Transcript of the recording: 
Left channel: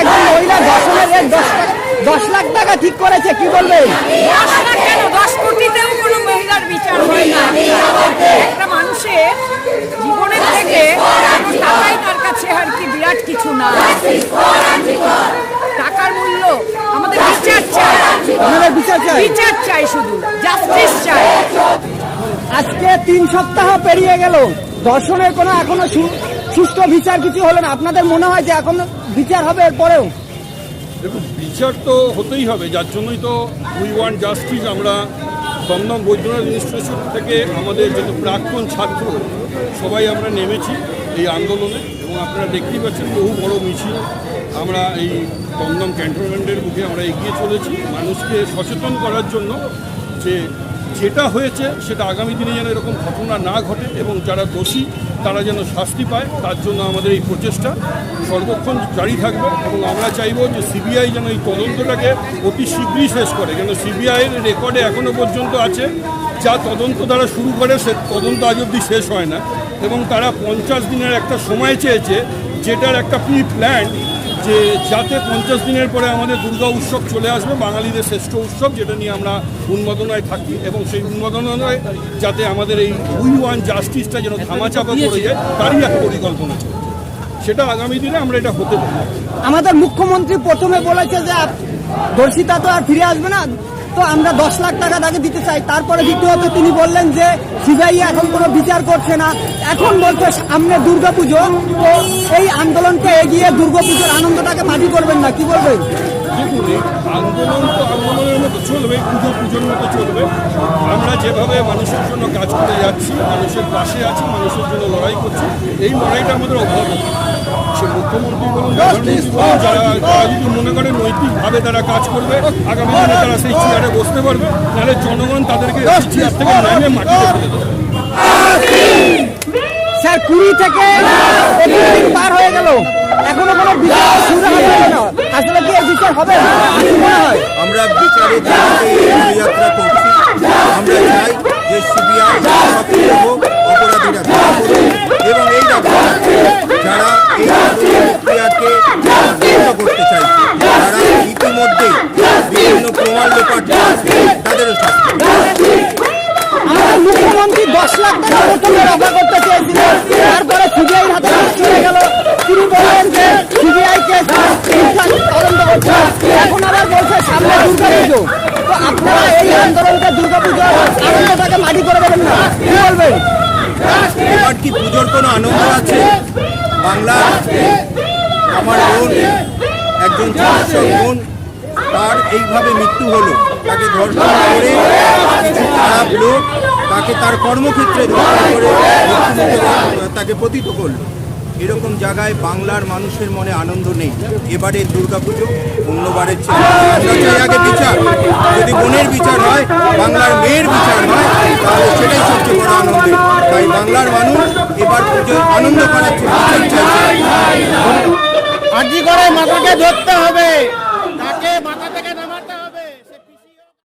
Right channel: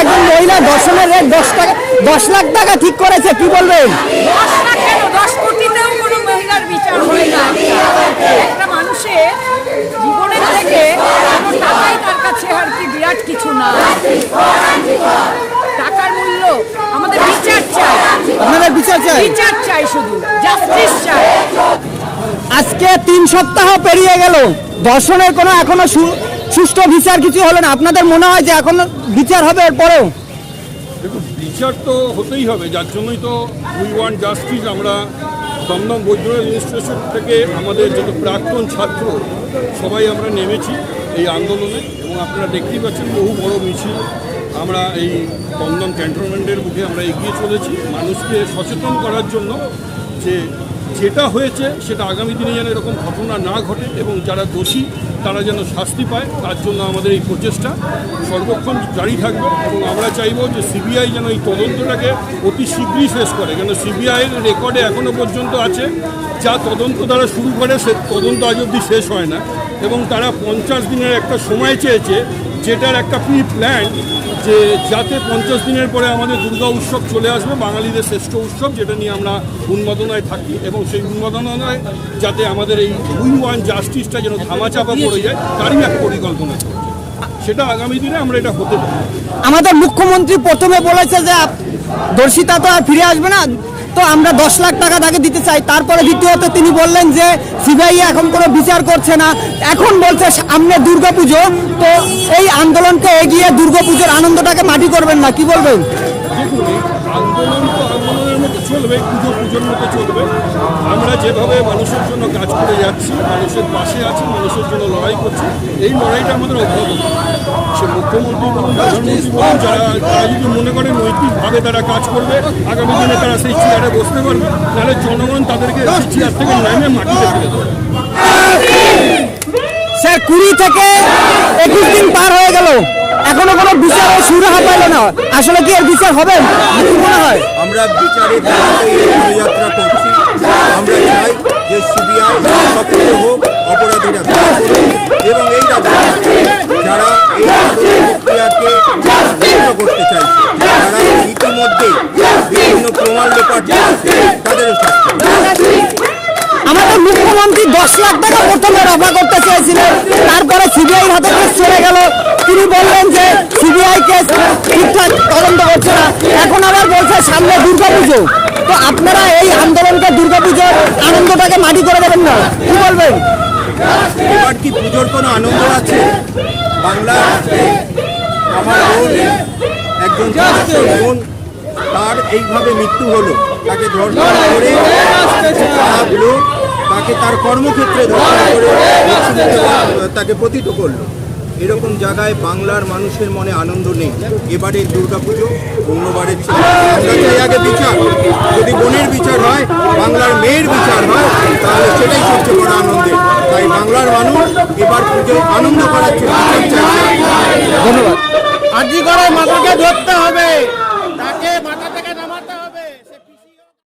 একজন মহিলা দর্শনের রেট 10 লাখ টাকা ঠিক করেছে, কি বলবেন? 10 লাখ কেন, 10 কোটিতেও কোনো মহিলার বিচার হয় না। একটা মানুষের জীবনের থেকে কোনো টাকাই তার কাছে আর কি বিরাট কিছু না। টাকার মূল্য আমাদের বিচার চাই, আমাদের বিচার চাই, শুধু জাস্টিস চাই। আজকে 3 সপ্তাহ পেরিয়ে গেল, দর্শনের কোনো এখনো সুষ্ঠু বিচার কিছু হলো না। আপনাদের মনে হয় যে এখনো বিচার হবে এরপরেও? দেখুন, বিচার তো হতেই হবে, যার জন্যই তো উই ওয়ান্ট জাস্টিস। আমরা দমদম বৈদ্যনাথ ইনস্টিটিউশন থেকে আমাদের যত প্রাক্তন ছাত্র সবাই আমরা নেমেছি এই আন্দোলনে, এবং আপনারা দেখতেই পাচ্ছেন বহু বড় মিছিল আমরা এই দমদম ক্যান্টনমেন্টের মুখে আমরা এগিয়ে চলেছি মানুষকে সচেতন করার জন্য যে যেটা হয়েছে সেটা আগামী দিনে যেন এরকম ঘটনা না ঘটে, এবং যারা দোষী তারা যেন শাস্তি পায়, তার জন্য আমাদের এই প্রচেষ্টা সর্বক্ষণ জারি থাকবে। এবং আমরা চাইব যে সিবিআই যেন এই তদন্তটাকে অতি শীঘ্রই শেষ করে, কেন সিবিআইয়ের রেকর্ডে এখনও পর্যন্ত আছে যা তদন্ত তারা শুরু করে সে তদন্ত আজ অবধি শেষ হয় না, এবং তারা 50 দিনের একটা সময় চেয়েছে, যেটার একটা প্রি প্ল্যান যে যাতে 50 দিনের পরে আমাদের দুর্গা উৎসব চলে আসবে, বাঙালিদের শ্রেষ্ঠ উৎসব, যেটা নিয়ে আমরা উন্মাদনায় থাকি, এবং সেই উন্মাদনায় যাতে আমাদের এই উই ওয়ান জাস্টিসটা যেন ধামাচাপা পড়ে যায় তারই এক পরিকল্পনা চলছে। সেটা আগামী দিনে আমরা এটা হতে দেব। আমাদের মুখ্যমন্ত্রী প্রথমে বলেছে যে দর্শিতা তো আর ফিরে আসবে না, তো আমরা 10 লাখ টাকা তাকে দিতে চাই। তারপরে দ্বিতীয়ত তিনি বললেন যে সিবিআই এখন কোনো বিচার করছে না, এখন বলছে সামনে দুর্গাপুজো, তো এই আন্দোলনকে এগিয়ে দুর্গাপুজোর আনন্দটাকে মাটি করবেন না, কি বলবেন? দেখুন, এই আন্দোলন তো আন্দোলনের মতো চলবে, পুজো পুজোর মতো চলবে। আমরা যেভাবে মানুষের জন্য কাজ করে যাচ্ছি, মানুষের পাশে আছি, মানুষের জন্য লড়াই করছি, এই লড়াইটা আমাদের অব্যাহত। সে মুখ্যমন্ত্রী বলুন, প্রধানমন্ত্রী বলুন, তারা যদি মনে করে নৈতিকভাবে তারা কাজ করবে, আগামী দিনে তারা সেই চেয়ারে বসতে পারবে, নাহলে জনগণ তাদেরকে সেই চেয়ার থেকে নেমে মাটিতে ফেলে দেবে। স্যার, 20 থেকে 21 দিন পার হয়ে গেল, এখনো কোনো বিচার শুরু হবে না, আসলে কি এর বিচার হবে? আমরা বিচারের যাত্রা করছি। আমরা চাই যে সিবিআই সক্রিয় হোক, অপরাধীরা ধরা করুক, এবং এই রাজ্যে যারা এই প্রক্রিয়াকে নষ্ট করতে চাইছে, যারা ইতিমধ্যে বিভিন্ন প্রমাণ লোপাট করেছে, তাদেরও শাস্তি। আমাদের মুখ্যমন্ত্রী 10 লাখ টাকা প্রথমে রফা করতে চেয়েছিলেন, তারপরে সিবিআই হাতে চলে গেল, তিনি বললেন যে সিবিআই কেস ঠিকঠাক তদন্ত করছে না, এখন আবার বলছে সামনে দুর্গাপুজো, তো আপনারা এই আন্দোলনকে দুর্গাপুজোর আনন্দটাকে মাটি করে দেবেন না, কি বলবেন? এবার কি পুজোর কোনো আনন্দ আছে? বাংলার আমার বোন, একজন চিকিৎসক বোন, তার এইভাবে মৃত্যু হলো, তাকে ধর্ষণ করে খারাপ লোক তাকে তার কর্মক্ষেত্রে ধর্ষণ করে তাকে পতিত করলো। এরকম জায়গায় বাংলার মানুষের মনে আনন্দ নেই। এবারে দুর্গাপুজো অন্যবারের ছিল, আমরা চাই আগে বিচার। যদি বোনের বিচার হয়, বাংলার মেয়ের বিচার হয়, তাহলে সেটাই সবচেয়ে বড় আনন্দের। তাই বাংলার মানুষ এবার পুজো আনন্দ করার বিচার চাইছে। আরজি করে মাতাকে ধরতে হবে, তাকে মাথা